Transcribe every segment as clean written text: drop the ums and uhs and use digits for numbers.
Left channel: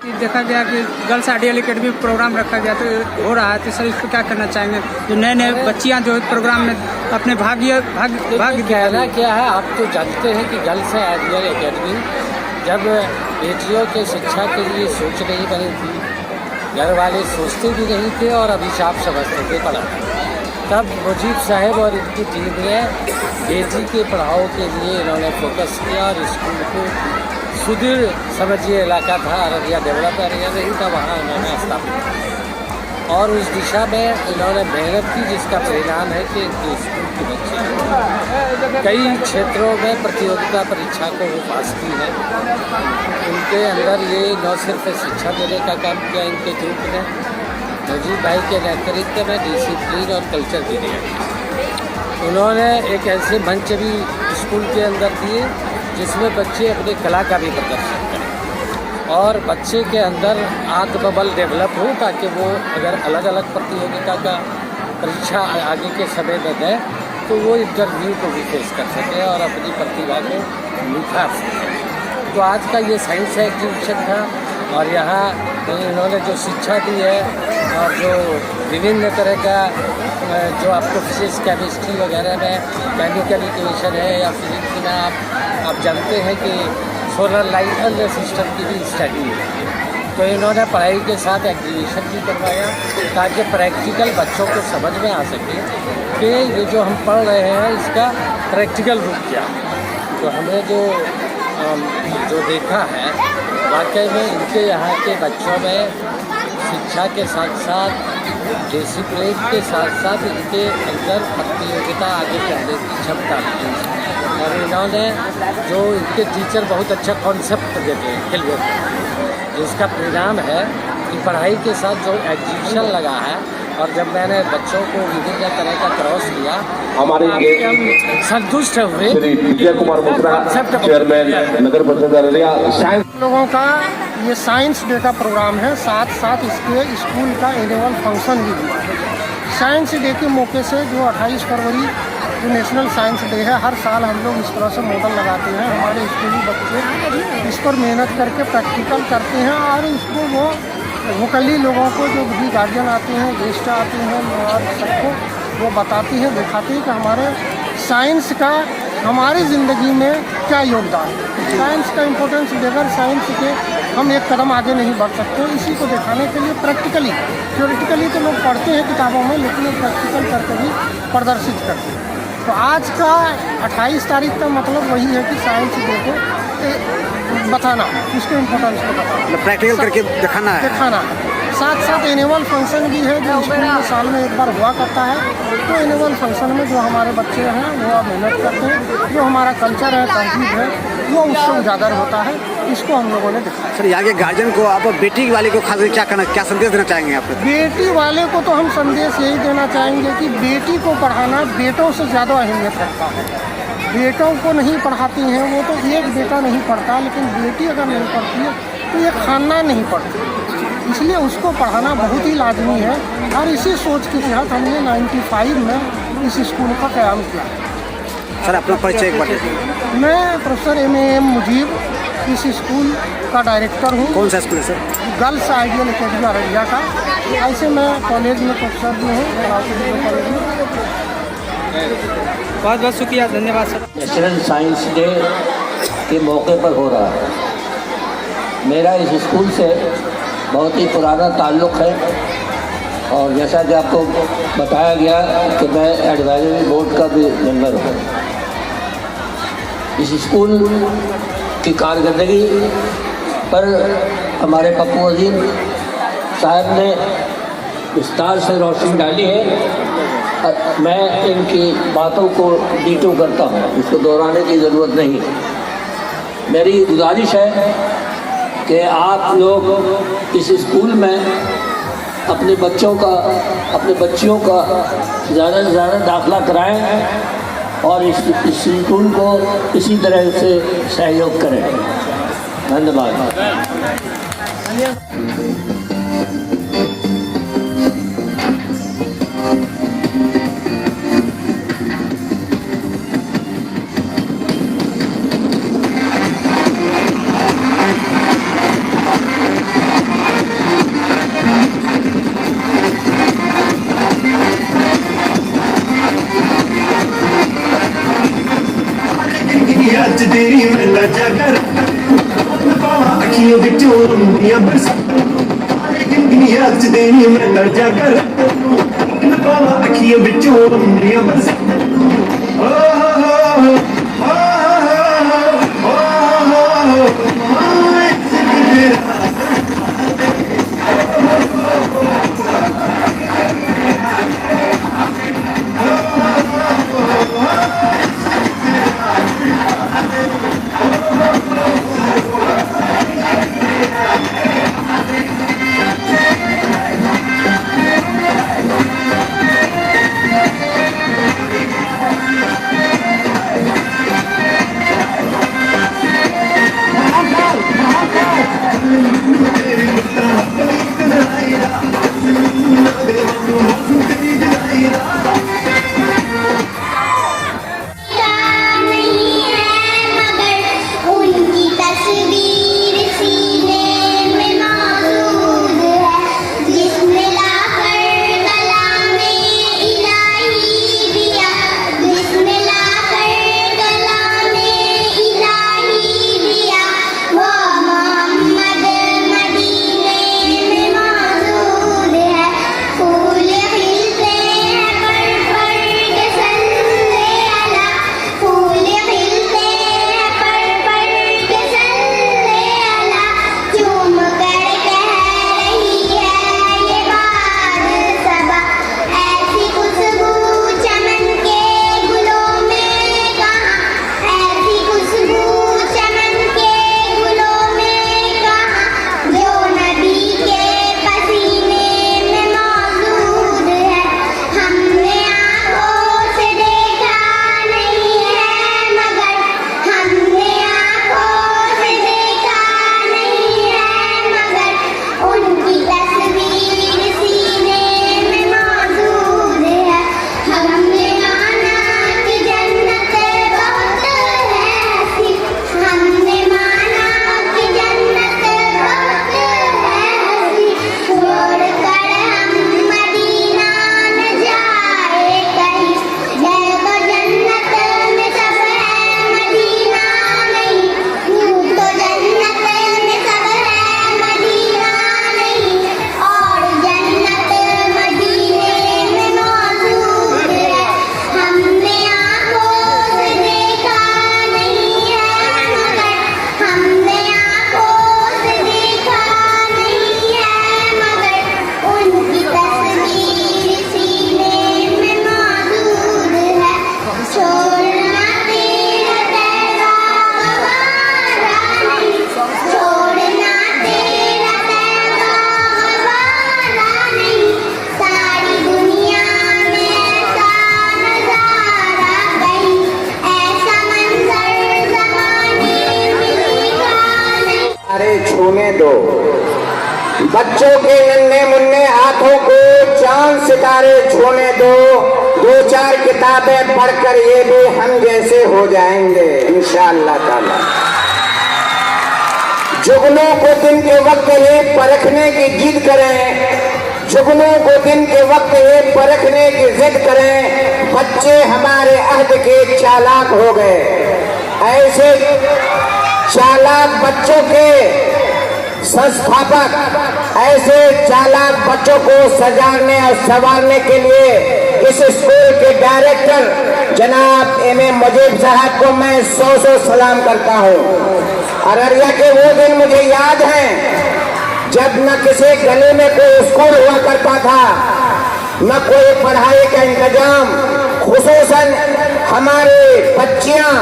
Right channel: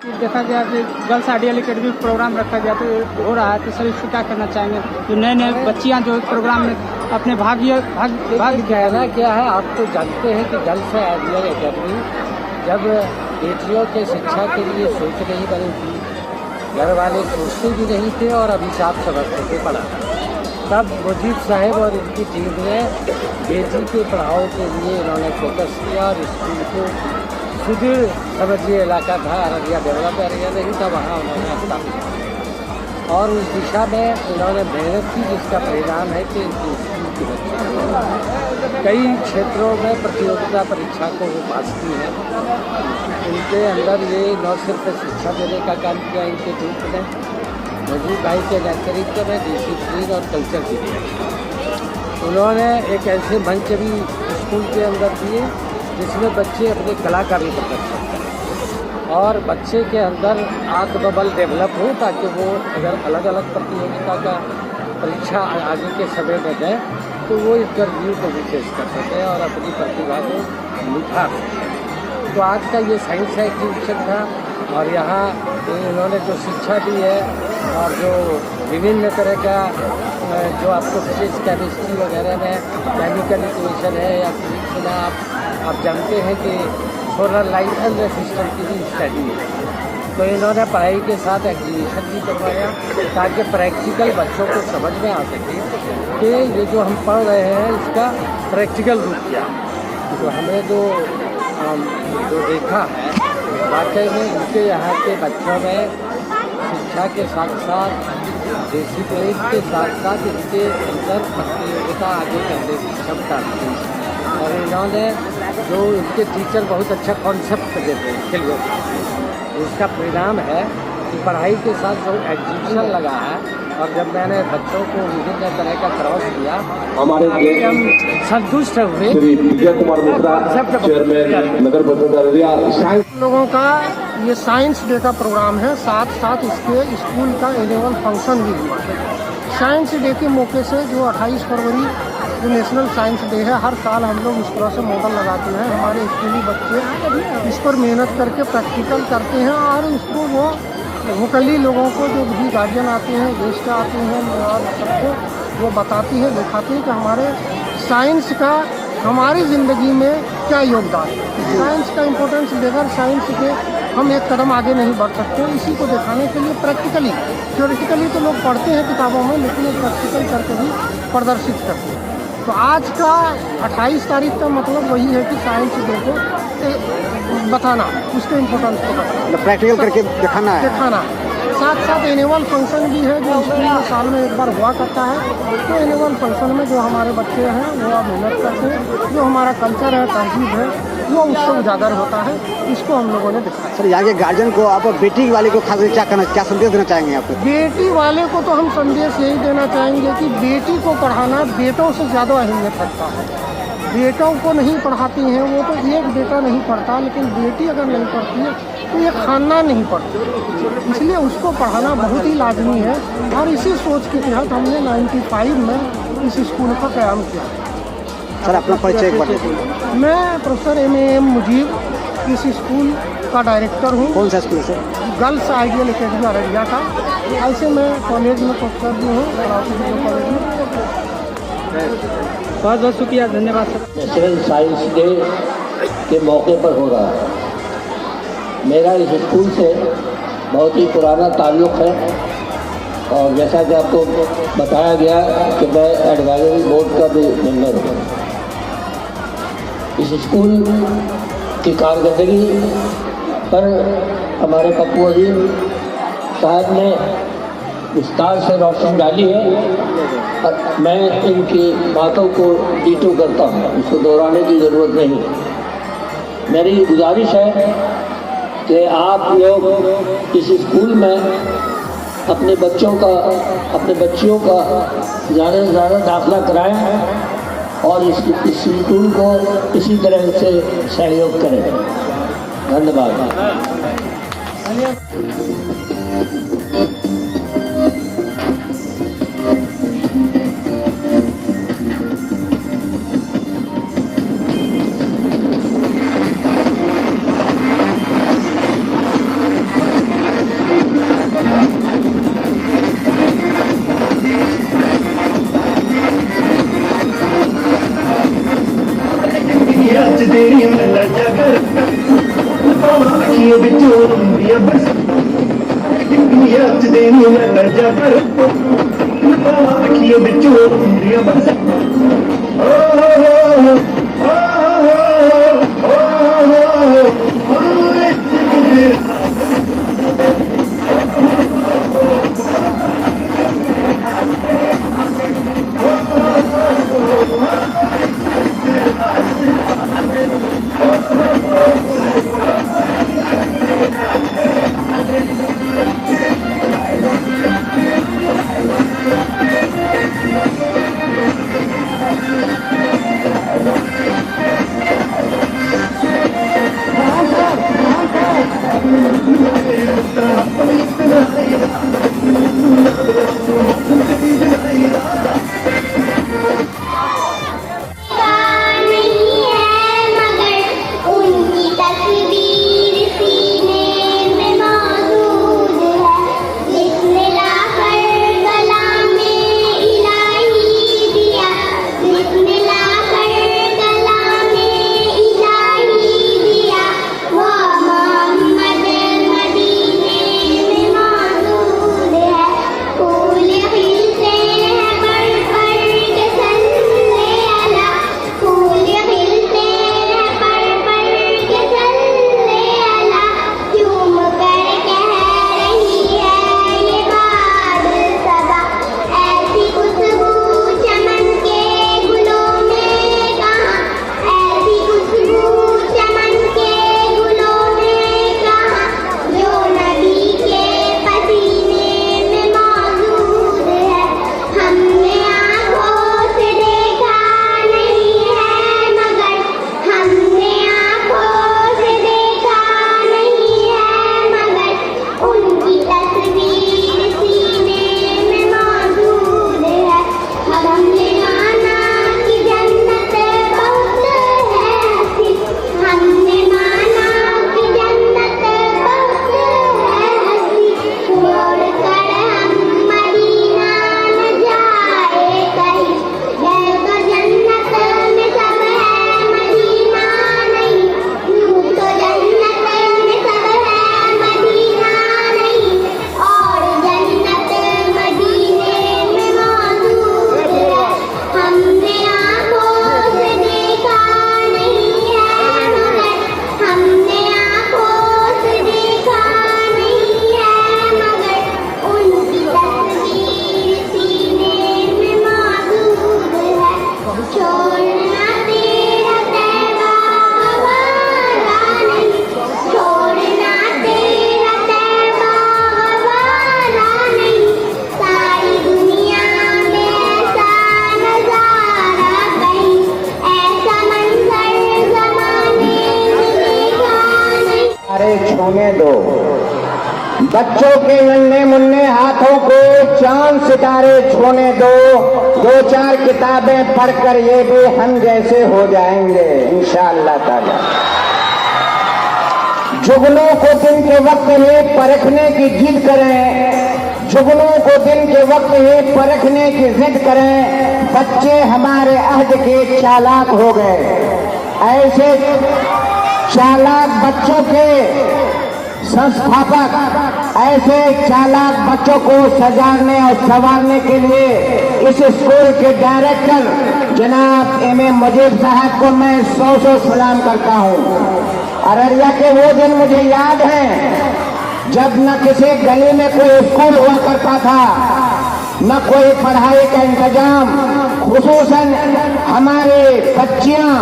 देखा गया कि गर्ल्स आइडियल एकेडमी प्रोग्राम रखा गया तो हो रहा है, तो सर इस पर क्या करना चाहेंगे? जो नए नए बच्चियां जो प्रोग्राम में अपने भाग कहना क्या है, आप तो जानते हैं कि गर्ल्स आइडियल एकेडमी जब बेटियों के शिक्षा के लिए सोच नहीं बनी थी, घर वाले सोचते भी नहीं थे और अभिशाप समझते थे पढ़ा, तब मुजीब साहब और इनकी टीम ने बेटी के पढ़ाओ के लिए इन्होंने फोकस किया और स्कूल को सुदूर समझिए इलाका था, अररिया डेवलप एरिया नहीं था, वहाँ उन्होंने स्थापित किया और उस दिशा में इन्होंने मेहनत की, जिसका परिणाम है कि इनकी स्कूल के बच्चे कई क्षेत्रों में प्रतियोगिता परीक्षा को वो पास की है। उनके अंदर ये न सिर्फ शिक्षा देने का काम किया इनके ग्रुप ने, नजीब भाई के नेतृत्व में डिसिप्लिन और कल्चर के लिए उन्होंने एक ऐसे मंच भी स्कूल के अंदर दिए जिसमें बच्चे अपनी कला का भी प्रदर्शन करें और बच्चे के अंदर आत्मबल डेवलप हो, ताकि वो अगर अलग अलग प्रतियोगिता का परीक्षा आगे के समय में दें तो वो इंटरव्यू को भी फेस कर सकें और अपनी प्रतिभा को निखार सकें। तो आज का ये साइंस एग्जीबिशन था और यहाँ इन्होंने जो शिक्षा दी है और जो विभिन्न तरह का जो आपको फिजिक्स केमिस्ट्री वगैरह में केमिकल इक्वेशन है या फिजिक्स में आप जानते हैं कि सोलर लाइट एंड सिस्टम की भी स्टडी है, तो इन्होंने पढ़ाई के साथ एग्जीबिशन भी करवाया ताकि प्रैक्टिकल बच्चों को समझ में आ सके कि ये जो हम पढ़ रहे हैं इसका प्रैक्टिकल रूप क्या है। तो हमने जो देखा है वाकई में इनके यहाँ के बच्चों में शिक्षा के साथ साथ डिसिप्लिन के साथ साथ इनके अंदर प्रतियोगिता आगे करने की क्षमता थी और इन्होंने जो इनके टीचर बहुत अच्छा कॉन्सेप्ट देते हैं क्लियर, जिसका परिणाम है कि पढ़ाई के साथ जो एग्जीबिशन लगा है और जब मैंने बच्चों को विभिन्न तरह का क्रॉस किया हमारे हम संतुष्ट हुए। विजय कुमार मिश्रा चेयरमैन नगर पंचायत अररिया। लोगों का ये साइंस डे का प्रोग्राम है, साथ साथ इसके स्कूल का एनुअल फंक्शन भी हुआ है। साइंस डे के मौके से जो 28 फरवरी जो नेशनल साइंस डे है, हर साल हम लोग इस तरह से मॉडल लगाते हैं। हमारे स्कूली बच्चे इस पर मेहनत करके प्रैक्टिकल करते हैं और इसको वो वोकली लोगों को जो भी गार्जियन आते हैं, गेस्ट आते हैं और सबको वो बताती हैं, दिखाती हैं कि हमारे साइंस का हमारी ज़िंदगी में क्या योगदान है। साइंस का इम्पोर्टेंस बगैर साइंस के हम एक कदम आगे नहीं बढ़ सकते। इसी को दिखाने के लिए प्रैक्टिकली, थ्योरेटिकली तो लोग पढ़ते हैं किताबों में, लेकिन प्रैक्टिकल करके भी प्रदर्शित करते हैं। तो आज का 28 तारीख का मतलब वही है कि साइंस डे को बताना, उसके इम्पोर्टेंस को बताना, प्रैक्टिकल करके दिखाना है। साथ साथ एनुअल फंक्शन भी है जो स्कूल में साल में एक बार हुआ करता है। तो एनुअल फंक्शन में जो हमारे बच्चे हैं वो मेहनत करते हैं, जो हमारा कल्चर है, तहजीब है, वो उससे उजागर होता है। इसको हम लोगों ने दिखाया। सर, यहाँ के गार्जियन को आप बेटी वाले को खास क्या संदेश देना चाहेंगे आप? बेटी वाले को तो हम संदेश यही देना चाहेंगे कि बेटी को पढ़ाना बेटों से ज़्यादा अहमियत रखता है। बेटों को नहीं पढ़ाती हैं वो, तो एक बेटा नहीं पढ़ता, लेकिन बेटी अगर नहीं पढ़ती है तो ये खानदान नहीं पढ़ती। इसलिए उसको पढ़ाना बहुत ही लाजमी है और इसी सोच के तहत हमने 95 में इस स्कूल का क़याम किया। सर, अपना परिचय एक बार। मैं प्रोफेसर एम मुजीब इस स्कूल का डायरेक्टर हूँ। कौन सा स्कूल है sir? Girls ideal academy Araria का। ऐसे मैं कॉलेज में प्रोफेसर भी हूँ, कॉलेज में। बहुत बहुत शुक्रिया, धन्यवाद सर। नेशनल साइंस डे के मौके पर हो रहा है। मेरा इस स्कूल से बहुत ही पुराना ताल्लुक़ है और जैसा कि आपको बताया गया कि मैं एडवाइजरी बोर्ड का भी मेंबर हूँ। इस स्कूल की कारकर्दगी पर हमारे पप्पू अजीम साहब ने विस्तार से रोशनी डाली है। मैं इनकी बातों को डीटू करता हूँ, इसको दोहराने की ज़रूरत नहीं। मेरी गुजारिश है कि आप लोग इस स्कूल में अपने बच्चियों का ज़्यादा से ज़्यादा दाखिला कराएं और इस स्कूल को इसी तरह से सहयोग करें। धन्यवाद। उम्रिया बस जिंदगी आज देनी मैं दर्जा कर पावा अखियों बिचों उम्रिया बस छूने दो बच्चों के नन्हे मुन्ने हाथों को चांद सितारे छूने दो, दो चार किताबें पढ़कर ये भी हम जैसे हो जाएंगे इंशाअल्लाह ताला। जुगनों को दिन के वक्त ये परखने की जिद करें, जुगनों को दिन के वक्त ये परखने की जिद करें, बच्चे हमारे अहद के चालाक हो गए। ऐसे चालाक बच्चों के संस्थापक, ऐसे चालाक बच्चों को सजाने और संवारने के लिए इस स्कूल के डायरेक्टर जनाब एम.ए. मुजीब साहब को मैं 100 सलाम करता हूँ। अररिया के वो दिन मुझे याद हैं जब न किसी गली में कोई स्कूल हुआ करता था, न कोई पढ़ाई का इंतजाम, खुसूसन हमारे बच्चियां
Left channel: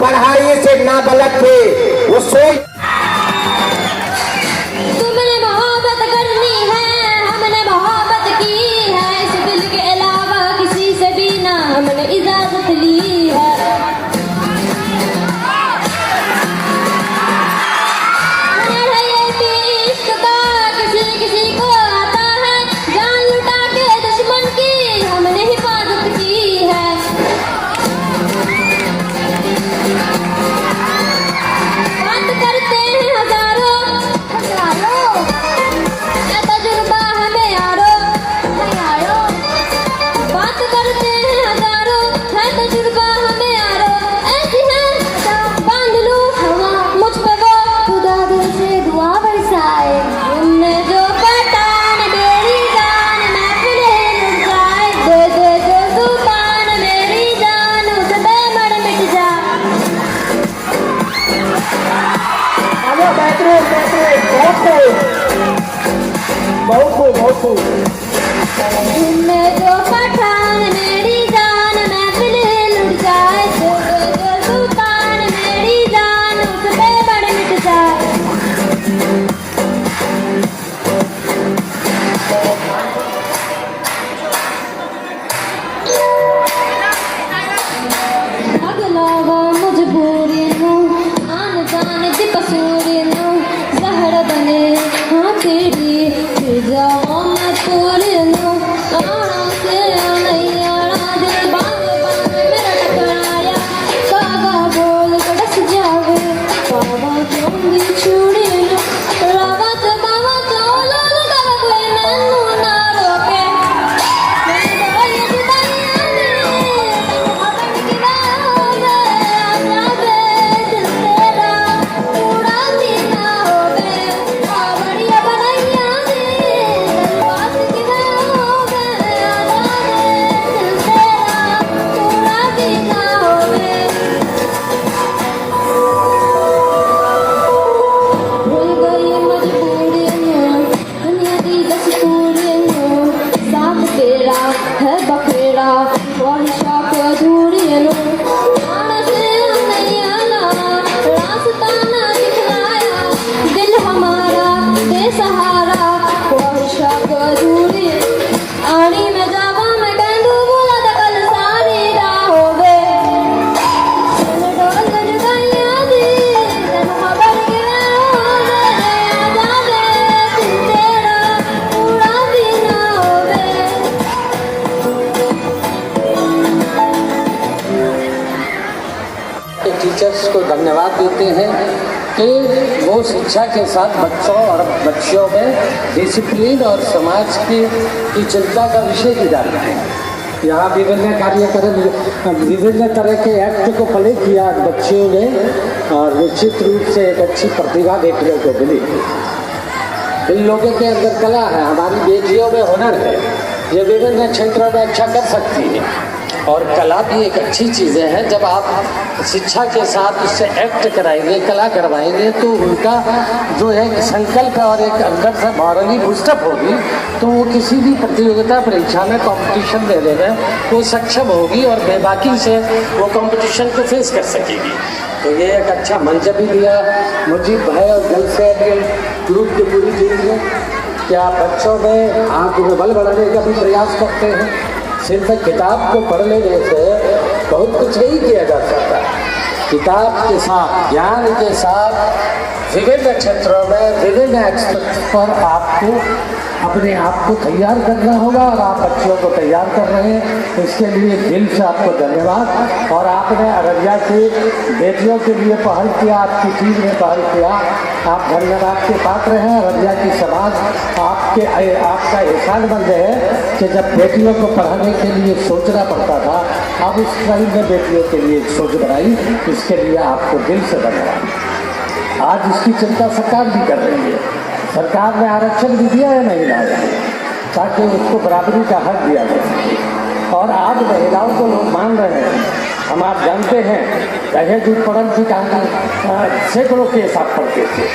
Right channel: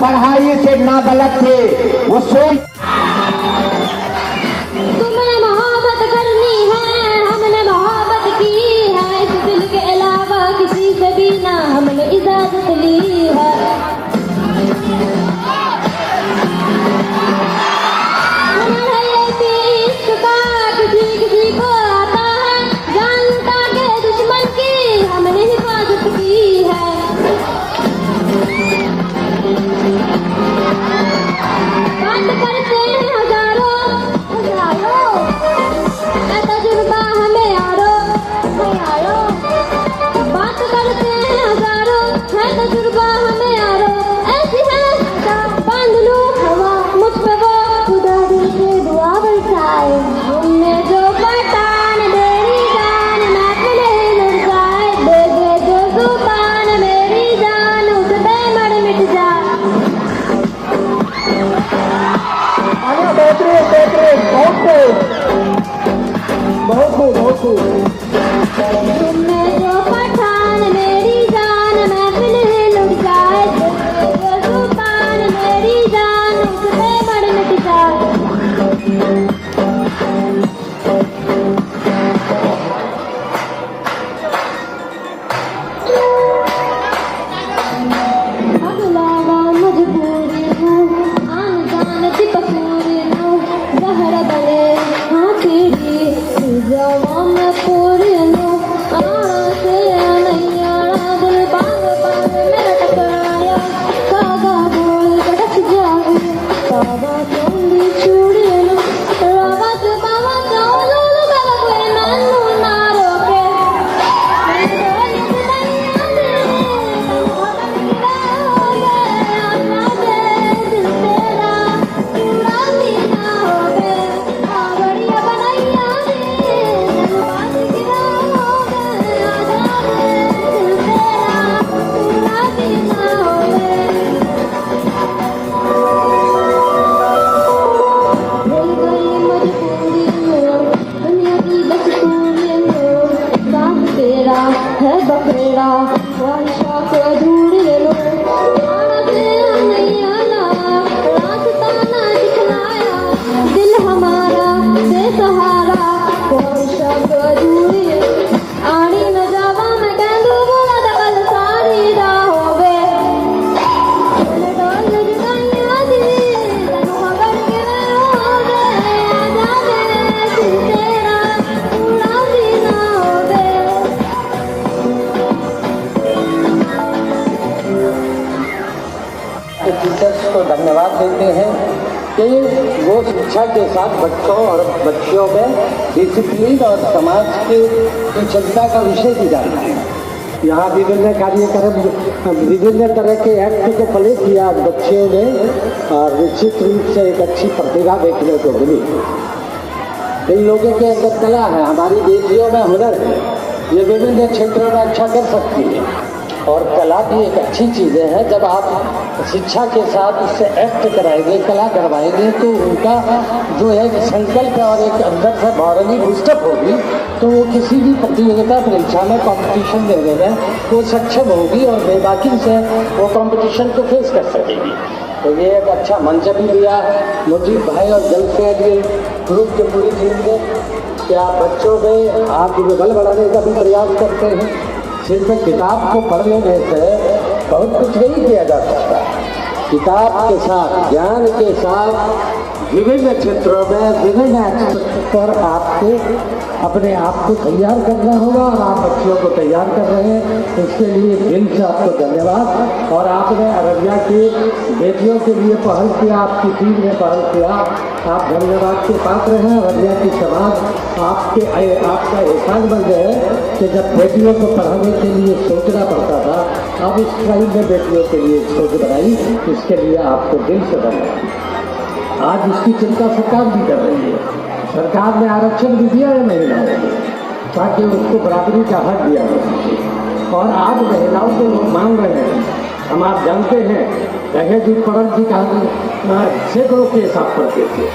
पढ़ाई से नाबलद थे। वो सोच बात करते के साथ बच्चों और बच्चियों में डिसिप्लिन और समाज की चिंता का विषय भी डालना है। यहाँ विभिन्न कार्यक्रम, विभिन्न तरह के एक्ट को प्ले किया बच्चियों ने और निश्चित रूप से एक अच्छी प्रतिभा देखने को मिली। इन लोगों के अंदर कला है, हमारी बेटियों में हुनर है, ये विभिन्न क्षेत्रों में अच्छा कर सकती है। और कला भी एक अच्छी चीज़ें हैं। जब आप शिक्षा के साथ इससे एक्ट कराएंगे, कला करवाएंगे, तो उनका जो है संकल्प और एक अंदर से मॉरली बूस्टअप होगी, तो वो किसी भी प्रतियोगिता परीक्षा में कंपटीशन देने में वो सक्षम होगी और बेबाकी से वो कंपटीशन को फेस कर सकेगी। तो ये एक अच्छा मंच भी दिया मुजीब भाई और जल से ग्रुप की पूरी टीम ने। क्या बच्चों में आत्मबल बढ़ाने का भी प्रयास करते हैं। सिर्फ किताब को पढ़ लेने से बहुत कुछ नहीं किया जा सकता। किताब के साथ, ज्ञान के साथ विभिन्न क्षेत्रों में विभिन्न एक्सपर्ट पर आपको अपने आप को तैयार करना होगा और आप बच्चों को तैयार कर रहे हैं। इसके लिए दिल से आपको धन्यवाद। और आपने अररिया की बेटियों के लिए पहल किया, आपकी टीम ने पहल किया, आप धन्यवाद के पात्र हैं। अररिया की समाज आपका एहसानमंद है कि जब बेटियों को पढ़ाने के लिए सोचना पड़ता था, अब उस टाइम में बेटियों के लिए सोच बनाई, इसके लिए आपको दिल से धन्यवाद। आज इसकी चिंता सरकार भी कर रही है। सरकार ने आरक्षण भी दिया है महिलाओं को, ताकि उसको बराबरी का हक दिया जाए। और आज महिलाओं को लोग मान रहे हैं। हम आप जानते हैं दहेज उत्पीड़न की कहानी सैकड़ों केस आप पढ़ते थे,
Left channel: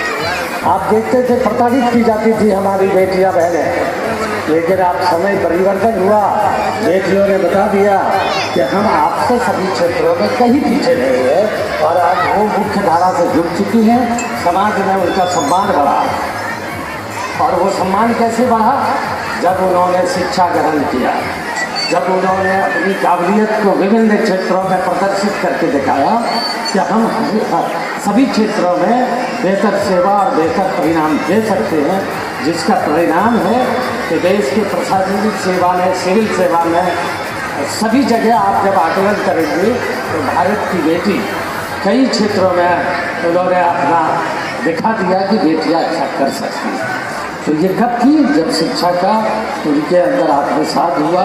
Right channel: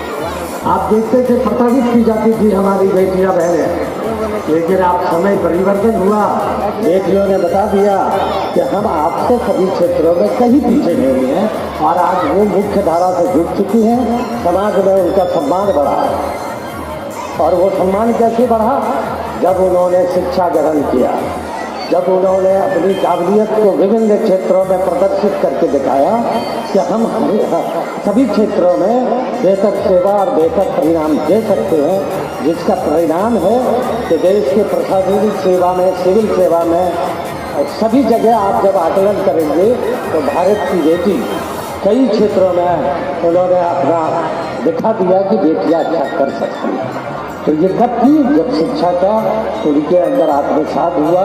आप देखते थे प्रताड़ित की जाती थी हमारी बेटियां बहनें। लेकिन आप समय परिवर्तन हुआ, बेटियों ने बता दिया कि हम आपसे सभी क्षेत्रों में कहीं पीछे नहीं है और आज वो मुख्य धारा से जुड़ चुकी हैं। समाज में उनका सम्मान बढ़ा। और वो सम्मान कैसे बढ़ा? जब उन्होंने शिक्षा ग्रहण किया, जब उन्होंने अपनी काबिलियत को विभिन्न क्षेत्रों में प्रदर्शित करके दिखाया कि हम सभी क्षेत्रों में बेहतर सेवा और बेहतर परिणाम दे सकते हैं, जिसका परिणाम है कि देश के प्रशासनिक सेवा में, सिविल सेवा में, सभी जगह आप जब आकलन करेंगे तो भारत की बेटी कई क्षेत्रों में उन्होंने अपना दिखा दिया कि बेटियां अच्छा कर सकती हैं। तो ये कब की? जब शिक्षा का उनके अंदर आत्मसात हुआ,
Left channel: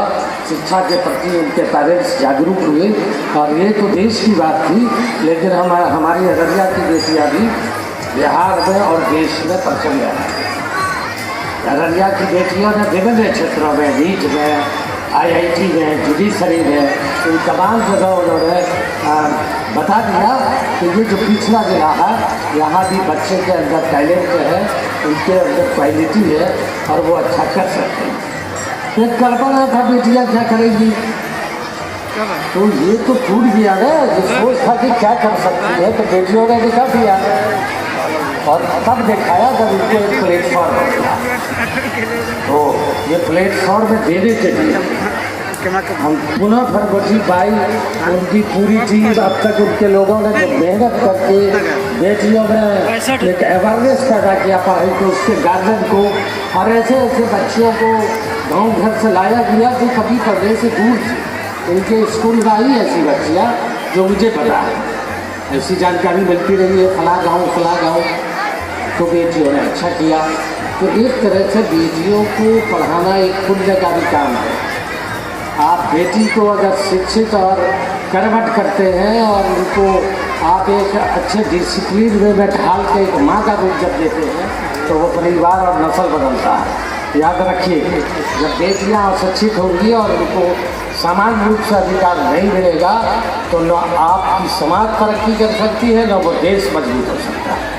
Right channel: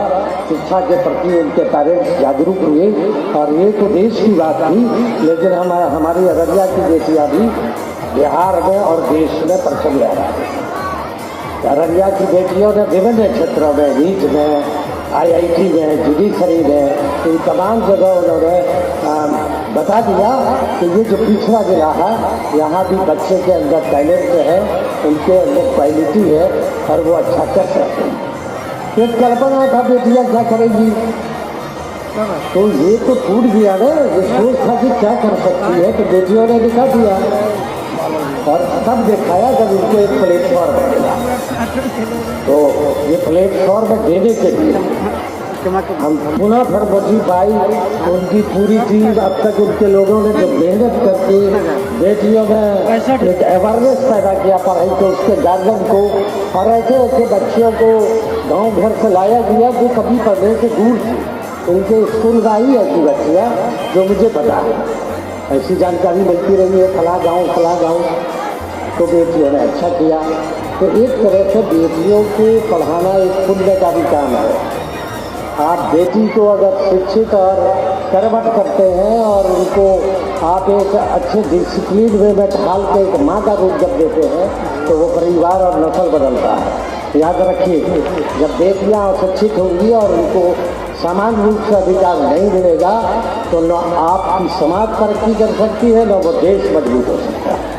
शिक्षा के प्रति उनके पेरेंट्स जागरूक हुए। और ये तो देश की बात थी, लेकिन हमारी अररिया की बेटियां भी बिहार में और देश में प्रचल रहा है। अररिया की बेटियों ने विभिन्न क्षेत्रों में, नीट में, IIT में, जुडिशरी में, इन तमाम जगह उन्होंने बता दिया कि ये जो पिछड़ा जिला है, यहाँ भी बच्चे के अंदर टैलेंट है, उनके अंदर क्वालिटी है और वो अच्छा कर सकते हैं। एक कल्पना था बेटियाँ क्या करेंगी, तो ये तो टूट गया ना। ये सोच था कि क्या कर सकती है, तो बेटियों ने दिखा दिया और तब दिखाया जब इनको एक प्लेटफॉर्म मिला। तो ये प्लेटफॉर्म देने के लिए हम पुनः फिर मुजीब भाई, उनकी पूरी टीम, अब तक उनके लोगों ने जो मेहनत करके बेटियों में एक अवेयरनेस पैदा किया पढ़ाई को, उसके गार्जियन को, और ऐसे ऐसे बच्चियों को गांव घर से लाया गया जो कभी पढ़ने से दूर थी। उनके स्कूल में आई ऐसी बच्चियाँ जो मुझे पता है, ऐसी जानकारी मिलती रही है, फला गाँव। तो बेटियों ने अच्छा किया। तो एक तरह से बेटियों को पढ़ाना एक पुण्य का भी काम है। आप बेटी को अगर शिक्षित और कर्मठ करते हैं और उनको आप एक अच्छे डिसिप्लिन वे में ढाल के एक माँ का रूप जब देते हैं, तो वो परिवार और नस्ल बदलता है। याद रखिए, जब बेटियाँ अशिक्षित होंगी और उनको समान रूप से अधिकार नहीं मिलेगा, तो न आपकी समाज तरक्की कर सकती है, न वो देश मजबूत हो सकता है।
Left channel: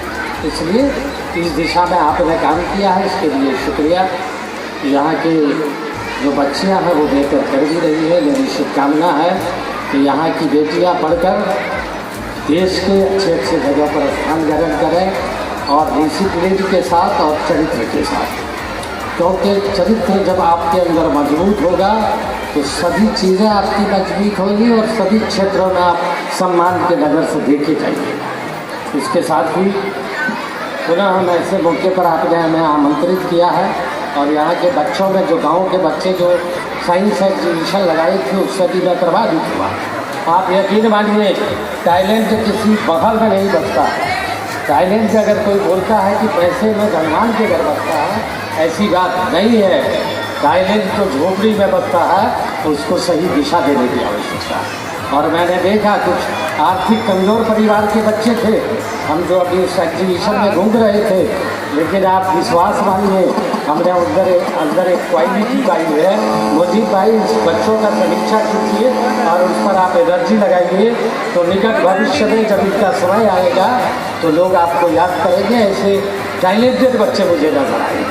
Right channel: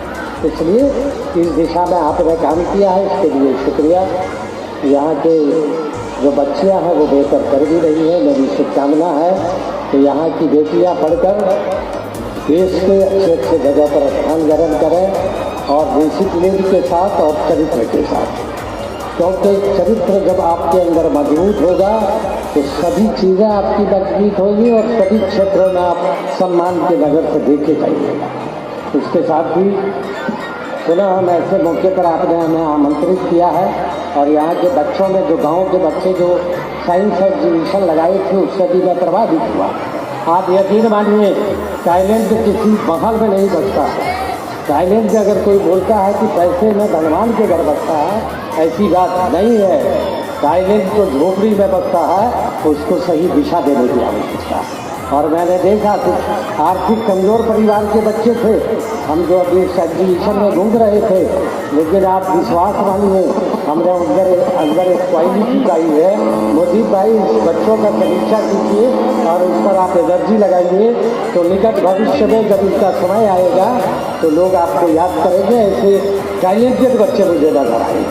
इसलिए इस दिशा में आपने काम किया है, इसके लिए शुक्रिया। यहाँ के जो बच्चियाँ हैं वो बेहतर कर भी रही है। मेरी शुभकामना है कि यहाँ की बेटियाँ पढ़कर देश के अच्छे जगह पर स्थान ग्रहण करें और डिसिप्लिन के साथ और चरित्र के साथ, क्योंकि चरित्र जब आपके अंदर मजबूत होगा तो सभी चीज़ें आपकी मजबूत होगी और सभी क्षेत्रों में आप सम्मान की नज़र से देखे जाएंगे। इसके साथ ही पुनः हम ऐसे मौके पर आपने हमें आमंत्रित किया है और यहाँ के बच्चों में जो गांव के बच्चे जो साइंस एग्जीबिशन लगाई थी, उससे भी मैं प्रभावित हुआ। आप यकीन मानिए, टैलेंट किसी बहर में नहीं बचता। टाइलेंट अगर कोई बोलता है कि पैसे में धनवान के घर बसता है, ऐसी बात नहीं है। टाइलेंट तो झोपड़ी में बसता है, तो उसको सही दिशा देने की आवश्यकता है। और मैंने देखा कुछ आर्थिक कमजोर परिवार के बच्चे थे, हम जो अभी इस एग्जीबिशन में घूम रहे थे, लेकिन आप विश्वास मानिए हमने अंदर एक क्वालिटी पाई है। मुजीब भाई इस बच्चों का समीक्षा कीजिए और उस पर आप एनर्जी लगाइए, तो निकट भविष्य में जब इनका समय आएगा तो लोग आपको याद करेंगे। ऐसे टैलेंटेड बच्चे मुझे लग रहा है,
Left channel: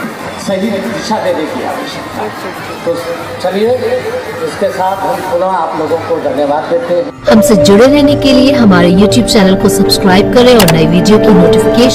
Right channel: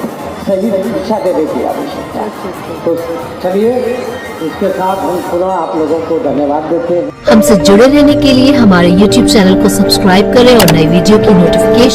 सही दिशा देने की आवश्यकता। तो चलिए इसके साथ हम पुनः आप लोगों को धन्यवाद देते हैं। हमसे जुड़े रहने के लिए हमारे YouTube चैनल को सब्सक्राइब करें और नई वीडियो की नोटिफिकेशन